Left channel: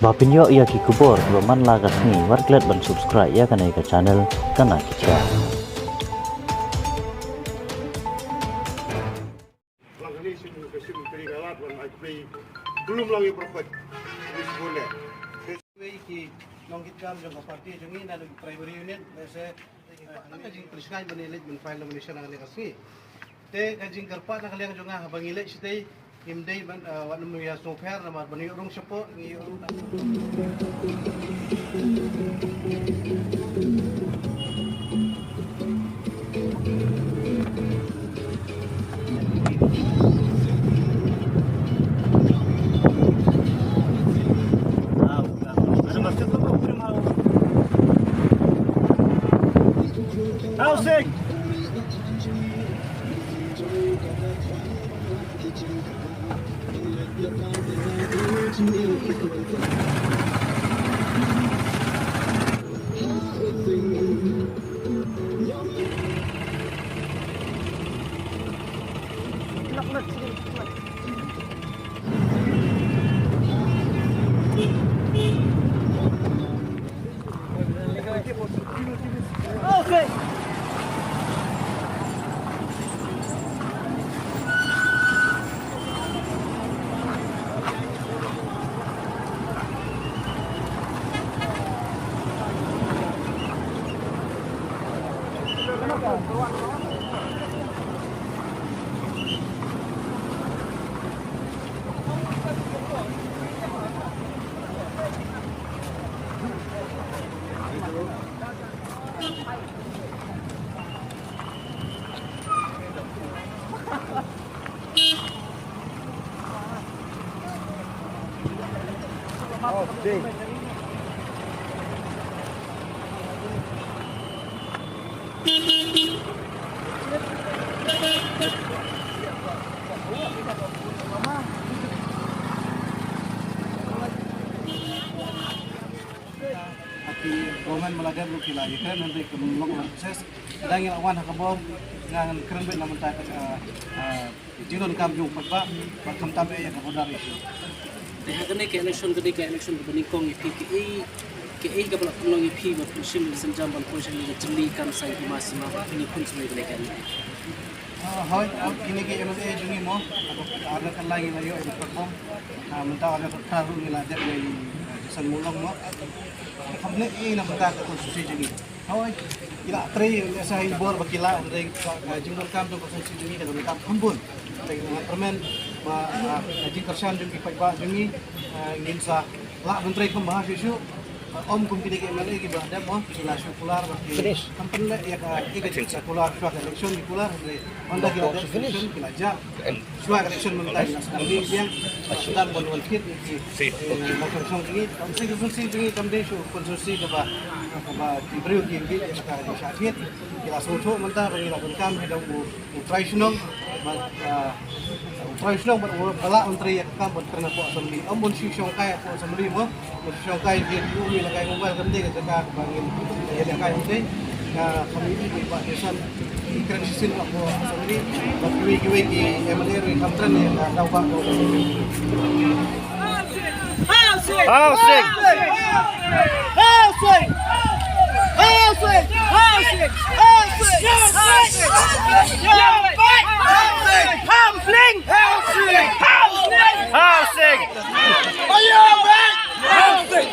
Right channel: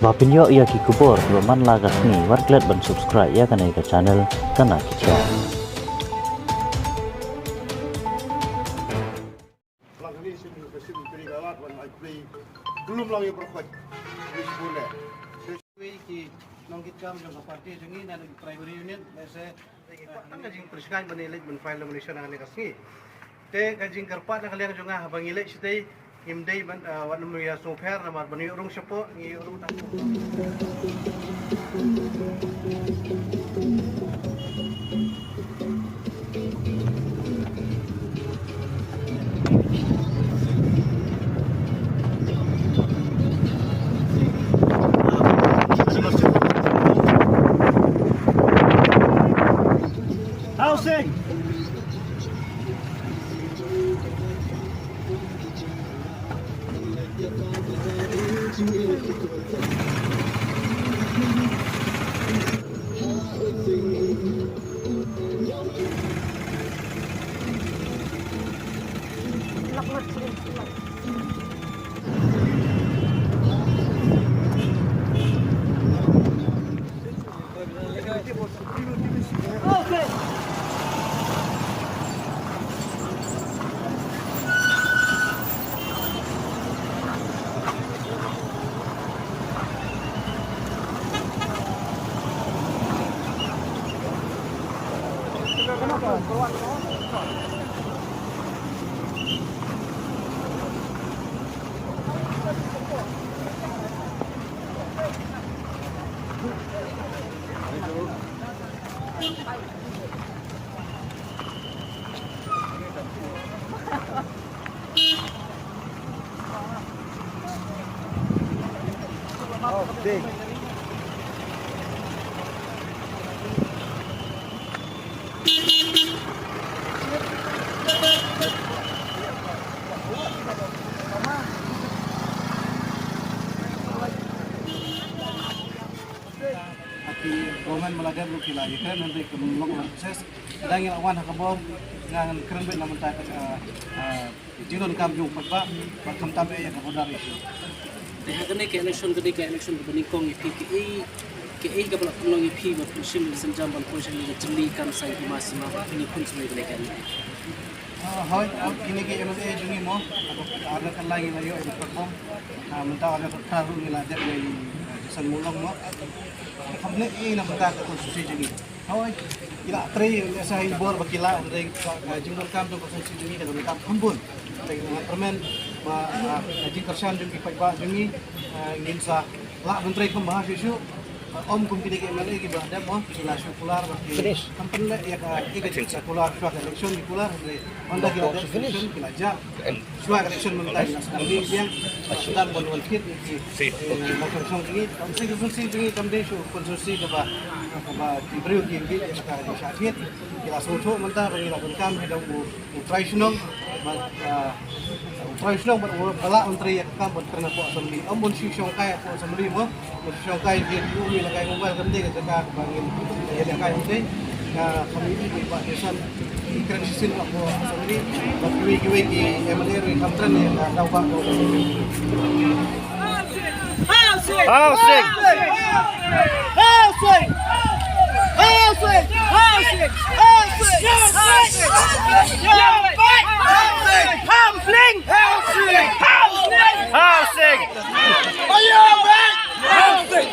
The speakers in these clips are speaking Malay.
Bapinyo ia ki kubor baman lagas ni warklet ban subscribe ya kana ika channel kana kicha. Langkali sibuk kesim perigawat wan ai belum lagi perfect boleh. Sesuai ki nongkit kam jong parti jongi na primary unit se ang kajing preskan banilit ban file nomination ang kasi. Te kajing karpa na kaliang jonga bangilay sitay imday ban wan mo ya so fair na bani urung sepo ngi urung ta. Housing. Okay. Oh, day. Gomen melagam luki lagi kan nanti kemudian proses dan yang awan hakabom dengan keren bet namun tak jiron kam jung pak bakam tabe yang kabodar itu. Dengan kene ke election berbanding kong IPKI KI kapal penolong IP berfungsi senjam ban proses ini jeli kan saya di masih mah ini pun semua belekan. Hai, ini ke MLA jungi mo ada kan lagi layo itu perform mentah ada taruh nilai dari jasan mulong mo. Hamne ini nama tak konstitusi jungi. Hai, ila tri saya ibor bakila dari jingdol kam tu konstitusi jungi dan kam hambun. Dengan permen jing kersan jungi pak jungi ingin sa la menteri pembahas isu om kumpul ke MLA ke bahada mo sila sekular bagi kampanye ya ke sekular suara election di kular dari onda kita election kilajak suara election mentai sekali yang sedang bantuan kit di masyarakat ini konstitusi ini tamde su konstitusi ke bah diberi di sekarang di syariat kita soto mentah bagi lakukan kam hidup tradisional tradisional berbalak menteri yang kam berkena puak sendiri om pun si syongkai puak sendiri mo syongkai dia dulu lakai mobile kan dia kata bangin ya lakai ini kami ini Pak Desan keren sisin aku sendiri bagi gue di MLA di Kamtren yang tahu Pak housing housing housing housing housing housing ayo back housing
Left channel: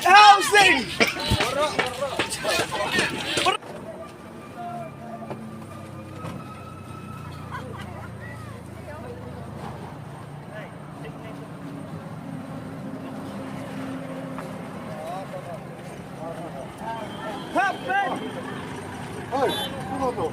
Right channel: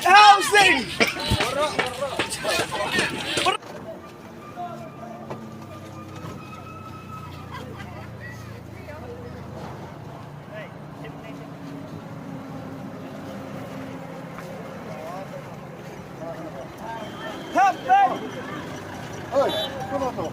housing. Oi, kenapa?